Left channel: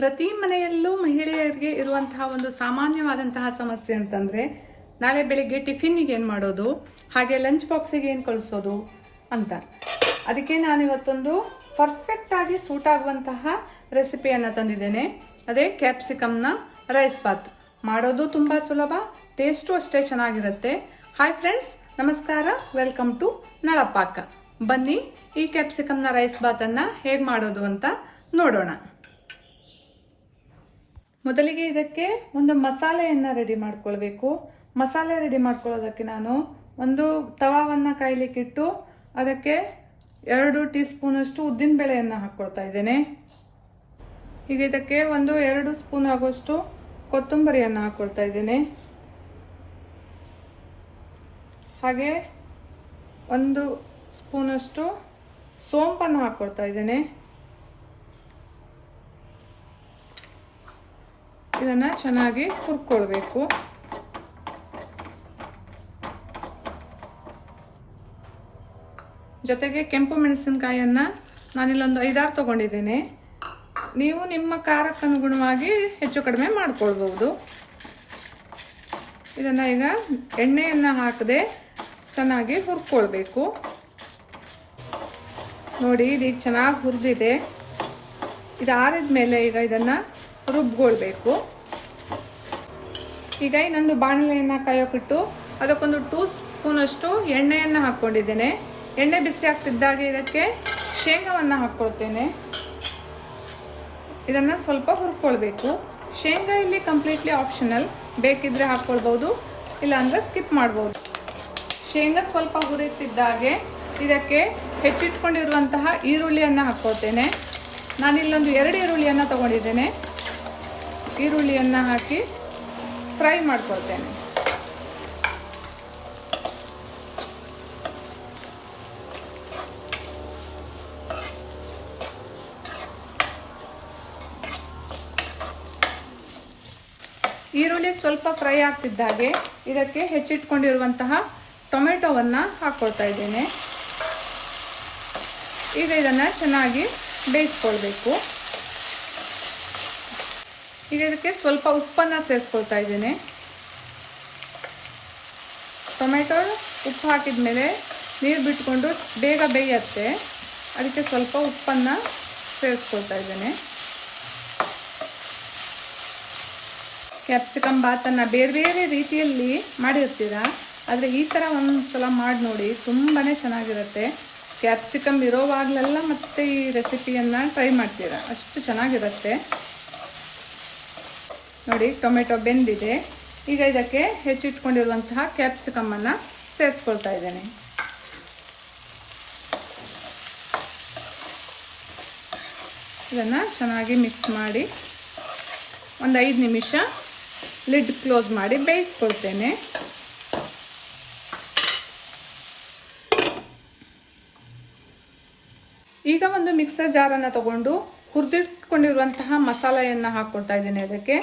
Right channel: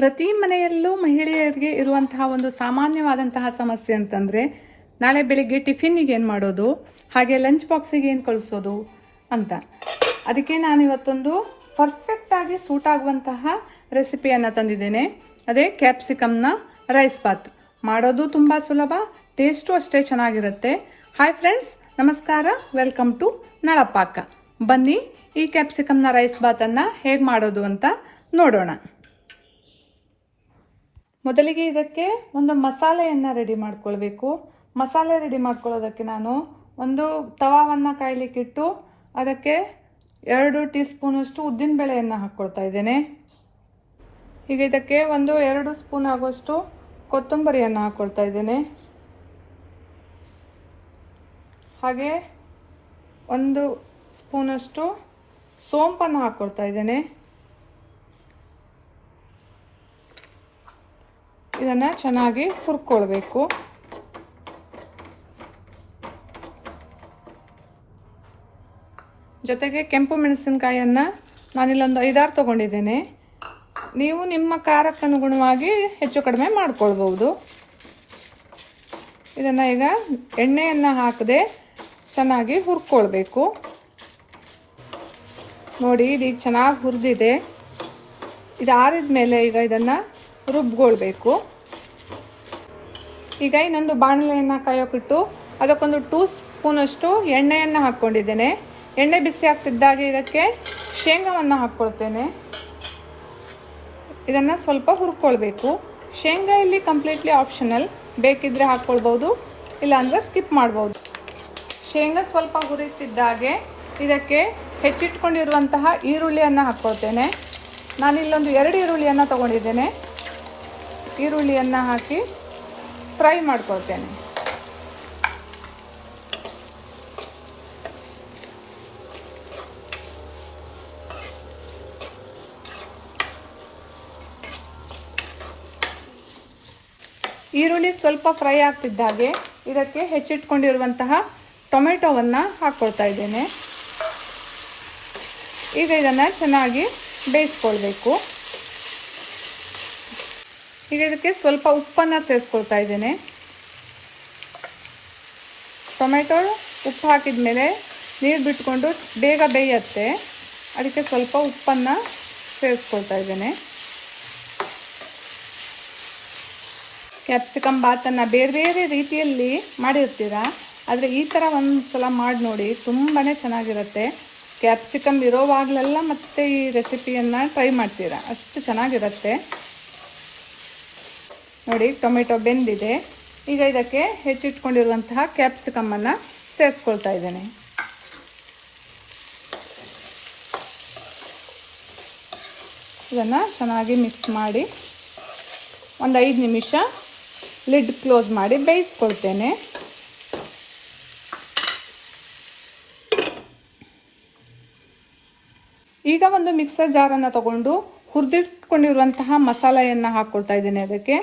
ಪ್ರತಿ ಮನೆಯಲ್ಲೂ ಮಹಿಳೆಯರಿಗೆ ಇರುವಂತಹ ಒಂದು ಸಾಮಾನ್ಯವಾದಂತಹ ಸಮಸ್ಯೆ ಅಂತಂದರೆ, ನಾಳೆ ಬೆಳಿಗ್ಗೆ ಟಿಫಿನ್ನಿಗೆ ಏನು ಮಾಡೋದು? ಹಾಗೆ ಲಂಚ್ ಬಾಕ್ಸಿಗೆ ಏನು ಕಳಿಸೋದು ಅಂತ. ಅದಕ್ಕೆ ನಾನು ಇವತ್ತೊಂದು ಪರ್ಫೆಕ್ಟ್ ಆಗಿ ಸೂಟ್ ಆಗುವಂತಹ ರೆಸಿಪಿಯನ್ನು ತಂದಿದ್ದೇನೆ. ಅದೇ ಕ್ಯಾಪ್ಸಿಕಮ್ನ ರೈಸ್ ಬಾತ್ ಮಾಡೋದು ತುಂಬ ಸುಲಭ ಟೇಸ್ಟು ಅಷ್ಟೇ ಚೆನ್ನಾಗಿರುತ್ತೆ. ಹಾಯ್ ಫ್ರೆಂಡ್ಸ್ ನಮಸ್ಕಾರ. Welcome to Nalapaka. ಬನ್ನಿ, ಈ ಕ್ಯಾಪ್ಸಿಕಮ್ನ ರೈಸ್ ಬಾತನ್ನು ಹೇಗೆ ಮಾಡೋದು ಅಂತ ನೋಡೋಣ. ಮೊದಲಿಗೆ ಇದಕ್ಕೆ ಒಂದು ಮಸಾಲೆಯನ್ನು ರೆಡಿ ಮಾಡ್ಕೊಳ್ಬೇಕು. ಮಸಾಲೆ ರೆಡಿ ಮಾಡ್ಕೊಳ್ಳೋದಕ್ಕೆ ನಾನು ಒಂದು ತವಾವನ್ನು ಕಾಯ್ಲಿಕ್ಕಿಟ್ಟು ಅದಕ್ಕೆ ಎರಡು ಟೀ ಸ್ಪೂನಷ್ಟು ಉದ್ದಿನ ಬೇಳೆಯನ್ನು ಹಾಕ್ಕೊಳ್ತಾ ಇದ್ದೇನೆ. ಈಗ ಇದಕ್ಕೆ ಒಂದು ಎರಡು ಸ್ಪೂನ್ ಆಗುವಷ್ಟು ಕೊತ್ತಂಬರಿಯನ್ನು ಹಾಕ್ಕೊಳ್ತಾ ಇದ್ದೇನೆ. ಹಾಗೆ ಒಂದು ಸ್ಪೂನಷ್ಟು ಸೋಂಪನ್ನು ಹಾಕ್ಕೊಳ್ತಾ ಇದ್ದೇನೆ. ಇದನ್ನು ಚೆನ್ನಾಗಿ ಹುರ್ಕೊಳ್ಬೇಕು. ಜೊತೆಗೆ ಕೆಂಪು ಮೆಣಸಿನಕಾಯಿಯನ್ನು ನಾನಿಲ್ಲೊಂದು ಐದಾರು ತೊಗೊಂಡಿದ್ದೇನೆ. ನೀವು ನಿಮ್ಮ ಖಾರಕ್ಕನುಗುಣವಾಗಿ ಹೆಚ್ಚು ಕಡಿಮೆ ಮಾಡ್ಕೊಳ್ಬೋದು ಇದನ್ನು ಈಗ ಎಣ್ಣೆಯನ್ನು ಹಾಕದೆ ಚೆನ್ನಾಗಿ ಹುರ್ಕೊಳ್ಬೇಕು. ನೋಡಿ, ಇದೀಗ ಚೆನ್ನಾಗಿ ಹುರಿದಿದೆ. ಇದಾರಿದ ಮೇಲೆ ಈಗ ಇದನ್ನು ರುಬ್ಕೊಳ್ಬೇಕು. ಈಗ ಇನ್ನೊಂದು ಬಾಣಲೆಯನ್ನು ಕಾಯೋಕಿಟ್ಟು ಅದಕ್ಕೊಂದು ಟೂ ಸ್ಪೂನಷ್ಟು ಎಣ್ಣೆಯನ್ನು ಹಾಕ್ಕೊಂಡಿದ್ದೇನೆ. ಎಣ್ಣೆ ಬಿಸಿ ಆಗ್ತಿದ್ದಾಗ ಇದಕ್ಕೆ ಶೇಂಗಾವನ್ನು ಹಾಕ್ಕೊಳ್ತೇನೆ. ಇದನ್ನು ಸ್ವಲ್ಪ ಹುರ್ಕೊಳ್ಬೇಕು. ಶೇಂಗಾ ಇಲ್ಲಿ ಕಂಪ್ಲೀಟ್ಲಿ ಆಪ್ಷನಲ್ ಬೇಕಿದ್ರೆ ಹಾಕ್ಕೊಳ್ಬೋದು, ಇಲ್ಲಾಂದರೆ ಸ್ಕಿಪ್ ಮಾಡ್ಬೋದು. ಶೇಂಗಾ ಸ್ವಲ್ಪ ಹುರಿತಿದ್ದಾಗೆ ಇದಕ್ಕೆ ಹೆಚ್ಚಿಟ್ಕೊಂಡಿರುವಂತಹ ಈರುಳ್ಳಿಯನ್ನು ಹಾಕ್ಕೊಳ್ತೇನೆ. ನಾನಿಲ್ಲೊಂದು ಎರಡು ಈರುಳ್ಳಿಯನ್ನು ತಗೊಂಡಿದ್ದೇನೆ. ಈರುಳ್ಳಿಯನ್ನು ಹಾಕಿ ಫ್ರೈ ಮಾಡ್ಕೊಳ್ತೇನೆ. ಈರುಳ್ಳಿ ಸ್ವಲ್ಪ ಫ್ರೈ ಆಗ್ತಿದ್ದಾಗೆ ಇದಕ್ಕೆ ಹೆಚ್ಚಿಟ್ಕೊಂಡಿರುವಂತಹ ಟೊಮೆಟೊವನ್ನು ಹಾಕ್ಕೊಳ್ತಾ ಇದ್ದೇನೆ. ಈಗ ಇದನ್ನು ಚೆನ್ನಾಗಿ ಬೇಯಿಸ್ಕೊಳ್ಬೇಕು. ಈಗ ಇದಕ್ಕೆ ಸ್ವಲ್ಪ ಉಪ್ಪನ್ನು ಸೇರಿಸ್ಕೊಳ್ತಾ ಇದ್ದೇನೆ. ಟೊಮೆಟೊ ಉಪ್ಪು ಹಾಕಿದ ಮೇಲೆ ನೀರು ಬಿಟ್ಕೊಂಡು ಬೇಗ ಬೇಯುತ್ತೆ. ಅದಕ್ಕೆ ಸ್ವಲ್ಪ ಉಪ್ಪನ್ನು ಸೇರಿಸ್ಕೊಳ್ತಾ ಇದ್ದೇನೆ. ಕ್ಯಾಪ್ಸಿಕಮ್ ಬಾತನ್ನು ಬೇರೆ ಬೇರೆ ರೀತಿಯಲ್ಲಿ ಮಾಡಿರ್ತೀರಾ? ಆದರೆ ಈ ಥರ ಒಂದು ಸಲ ಮಾಡಿ ನೋಡಿ ತುಂಬಾ ಚೆನ್ನಾಗಿರುತ್ತೆ. ಕ್ಯಾಪ್ಸಿಕಮ್ ಇರೋವಾಗಲೆಲ್ಲ ಮತ್ತೆ ಈ ರೆಸಿಪಿಯನ್ನು ಟ್ರೈ ಮಾಡ್ತೀರಾ? ಅಷ್ಟು ಚೆನ್ನಾಗಿರುತ್ತೆ. ನೋಡಿ, ಟೊಮೆಟೊ ಬೆಂದಿದೆ. ಈಗ ಇದಕ್ಕೆ ಹೆಚ್ಚಿಟ್ಕೊಂಡಿರುವಂತಹ ಕ್ಯಾಪ್ಸಿಕಮ್ಮನ್ನು ಸೇರಿಸ್ಕೊಳ್ತಾ ಇದ್ದೇನೆ. ಇದನ್ನು ಚೆನ್ನಾಗಿ ಮಿಕ್ಸ್ ಮಾಡಿ ಒಂದು ಐದು ನಿಮಿಷ ಲಿಡ್ ಕ್ಲೋಸ್ ಮಾಡಿ ಬೇಯಿಸ್ಕೊಳ್ತೇನೆ. ಈಗ ಒಂದು ಮಿಕ್ಸರ್ ಜಾರನ್ನು ತಗೊಂಡು ಹುರಿದಿಟ್ಕೊಂಡಿರುವಂತಹ ಮಸಾಲೆಯನ್ನು ಹಾಕ್ಕೊಳ್ತಾ ಇದ್ದೇನೆ ಅದಕ್ಕೆ.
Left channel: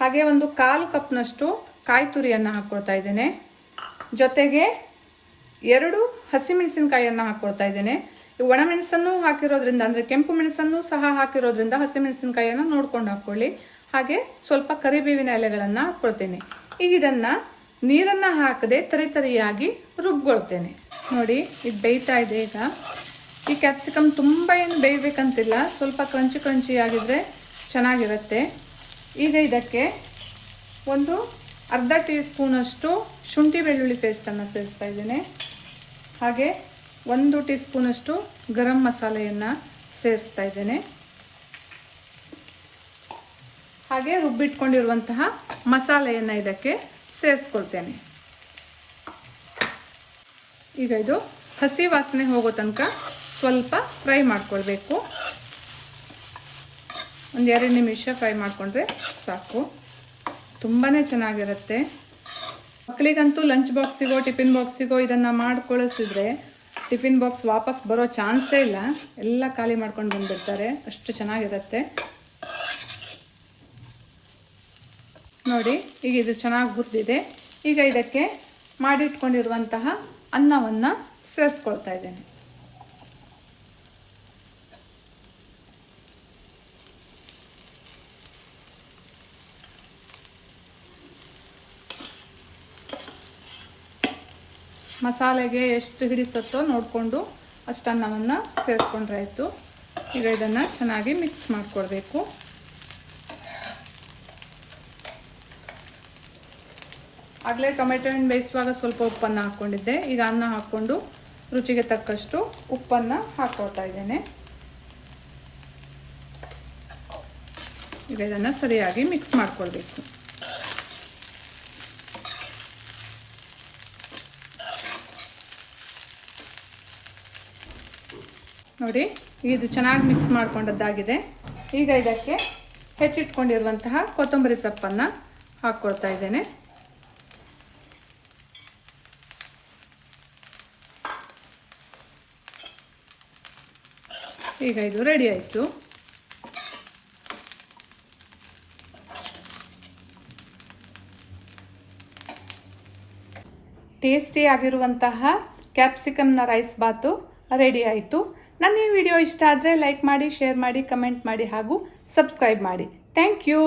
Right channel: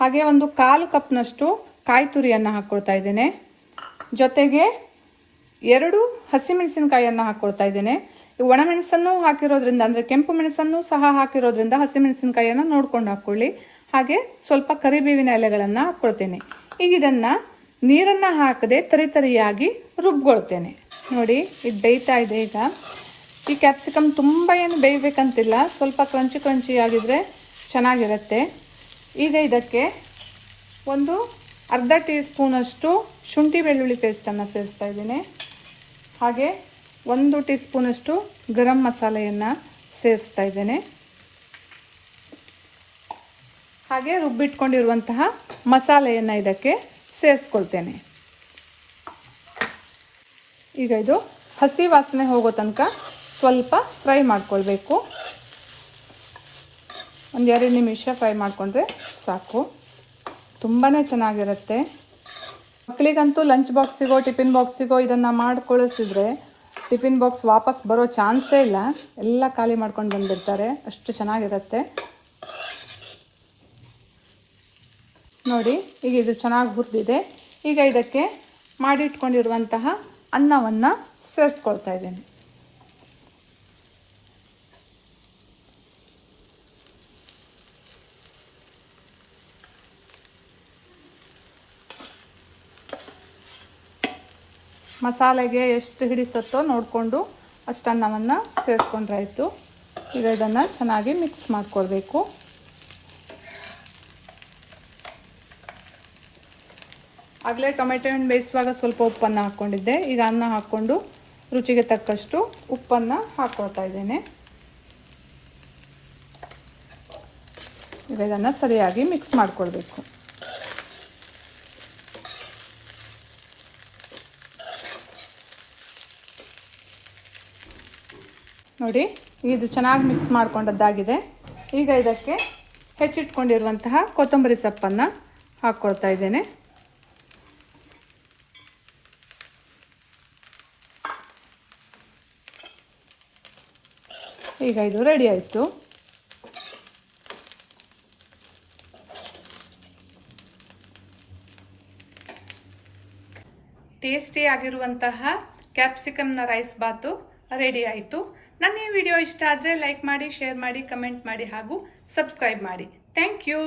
ಹಾಗೆ ಒಂದು ಕಾಲು ಕಪ್ನಷ್ಟು ಕಾಯಿ ತುರಿಯನ್ನು ಹಾಕ್ಕೊಳ್ತಾ ಇದ್ದೇನೆ. ಜೊತೆಗೆ ಎರಡು ಹಸಿಮೆಣಸಿನಕಾಯಿಯನ್ನು ಹಾಕ್ಕೊಳ್ತಾ ಇದ್ದೇನೆ. ಒಣಮೆಣಸನ್ನು ಹಾಕಿರೋದ್ರಿಂದ, ಅಂದರೆ ಕೆಂಪು ಮೆಣಸನ್ನು ಸಹ ಹಾಕಿರೋದ್ರಿಂದ ಹಸಿಮೆಣಸಿನಕಾಯಿಯನ್ನು ನೋಡ್ಕೊಂಡು ಹಾಕ್ಕೊಳ್ಳಿ ಹಾಗೆ ಸ್ವಲ್ಪ ಕರಿಬೇವಿನ ಎಲೆಗಳನ್ನು ಹಾಕ್ಕೊಳ್ತೇನೆ ಈಗ ಇದನ್ನು ನೀರನ್ನು ಹಾಕದೆ ತರಿತರಿಯಾಗಿ ರುಬ್ಕೊಳ್ತೇನೆ. ನೋಡಿ, ಇದು ಬೇಯ್ತಾ ಇದೆ ಈಗ. ಈ ಕ್ಯಾಪ್ಸಿಕಮ್ ತುಂಬ ಏನು ಬೇಯಬೇಕಂತಿಲ್ಲ. ಸ್ವಲ್ಪ ಕ್ರಂಚಿ ಆಗಿದ್ರೆ ಚೆನ್ನಾಗಿರುತ್ತೆ. ಈಗ ಇದಕ್ಕೆ ಒಂದು ಅರ್ಧ ಟೀ ಸ್ಪೂನಷ್ಟು ಶುಂಠಿ ಬೆಳ್ಳುಳ್ಳಿ ಪೇಸ್ಟನ್ನು ಸೇರಿಸ್ತಾ ಇದ್ದೀನಿ. ಹಾಗೆ ಒಂದು ಟೀ ಸ್ಪೂನಷ್ಟು ಗರಂ ಮಸಾಲೆಯನ್ನು ಸೇರಿಸ್ತಾ ಇದ್ದೇನೆ. ಹಾಗೆ ರುಬ್ಬಿಟ್ಕೊಂಡಿರುವಂತಹ ಮಸಾಲೆಯನ್ನು ಇದಕ್ಕೆ ಸೇರಿಸ್ಕೊಳ್ತೇನೆ. ಈಗ ಇದು ಹಸಿ ವಾಸನೆ ಹೋಗೋ ತನಕ ಸ್ವಲ್ಪ ಫ್ರೈ ಮಾಡ್ಕೊಳ್ಬೇಕು. ಒಂದು ಎರಡು ನಿಮಿಷ ಫ್ರೈ ಮಾಡಿಕೊಂಡ್ರೆ ಸಾಕು. ತುಂಬಾ ಚೆನ್ನಾಗಿರುತ್ತೆ. ಮಕ್ಕಳಿಗಂತೂ ಲಂಚ್ ಬಾಕ್ಸಿಗೋ ಟಿಫಿನ್ ಬಾಕ್ಸಿಗೋ ಇದನ್ನು ಮಾಡ್ಕೊಳಿಸಿದ್ರೆ ಟಿಫಿನ್ ಬಾಕ್ಸ್ ವಾಪಸ್ ಬರೋ ಚಾನ್ಸೇ ಇಲ್ಲ. ಎಲ್ಲ ಖಾಲಿ ಮಾಡ್ಕೊಂಡು ಬಂದಿರ್ತಾರೆ. ಅಷ್ಟು ಚೆನ್ನಾಗಿರುತ್ತೆ. ನೋಡಿ, ಈಗ ಇದು ಚೆನ್ನಾಗಿ ಹುರಿದಿದೆ. ಈಗ ಇದಕ್ಕೆ ಮಾಡಿಟ್ಕೊಂಡಿರುವಂತಹ ಅನ್ನವನ್ನು ಸೇರಿಸ್ಕೊಳ್ತಾ ಇದ್ದೀನಿ. ಮಸಾಲೆಗೆ ಎಷ್ಟು ಹಿಡಿಸುತ್ತೋ ನೋಡಿಕೊಂಡು ಅಷ್ಟು ಅನ್ನವನ್ನು ಸೇರಿಸ್ಕೊಂಡ್ರೆ ಆಯಿತು ಈಗ ಇದನ್ನು ಚೆನ್ನಾಗಿ ಮಿಕ್ಸ್ ಮಾಡಿಕೊಡ್ಬೇಕು. ಆಗಲೇ ಟೊಮೆಟೊ ಹಣ್ಣು ಬೇಯಿಸುವಾಗ ಸ್ವಲ್ಪ ಉಪ್ಪನ್ನು ಹಾಕ್ಕೊಂಡಿದ್ದೆ. ಈಗ ಅನ್ನ ಹಾಕ್ಕೊಂಡು ರುಚಿಗೆ ತಕ್ಕಷ್ಟು ಉಪ್ಪನ್ನು ಹಾಕ್ಕೊಳ್ತಾ ಇದ್ದೇನೆ. ಈಗ ಇದನ್ನು ಸರಿಯಾಗಿ ಮಿಕ್ಸ್ ಮಾಡಿಕೊಳ್ಬೇಕು ನೋಡಿ, ಇದು ಚೆನ್ನಾಗಿ ಮಿಕ್ಸ್ ಮಾಡ್ಕೊಂಡದ್ದಾಗಿದೆ. ಈಗ ಇದಕ್ಕೆ ಹೆಚ್ಚಿಟ್ಕೊಂಡಿರುವಂತಹ ಕೊತ್ತಂಬರಿ ಸೊಪ್ಪನ್ನು ಹಾಕ್ಕೊಳ್ತಾ ಇದ್ದೇನೆ. ಈಗ ಇದು ರೆಡಿ ಆಯಿತು. ಟೇಸ್ಟಿ ಆಗಿರುವಂತಹ ಕ್ಯಾಪ್ಸಿಕಮ್ನ ರೈಸ್ ಬಾತು ರೆಡಿ ಆಯಿತು. ನನ್ನ ಈ ವಿಡಿಯೋ ಇಷ್ಟ ಆದರೆ ಲೈಕ್ ಮಾಡಿ, ಶೇರ್ ಮಾಡಿ, ಕಮೆಂಟ್ ಮಾಡಿ ಹಾಗೂ ಸಬ್ಸ್ಕ್ರೈಬ್ ಮಾಡಿ. Thank you.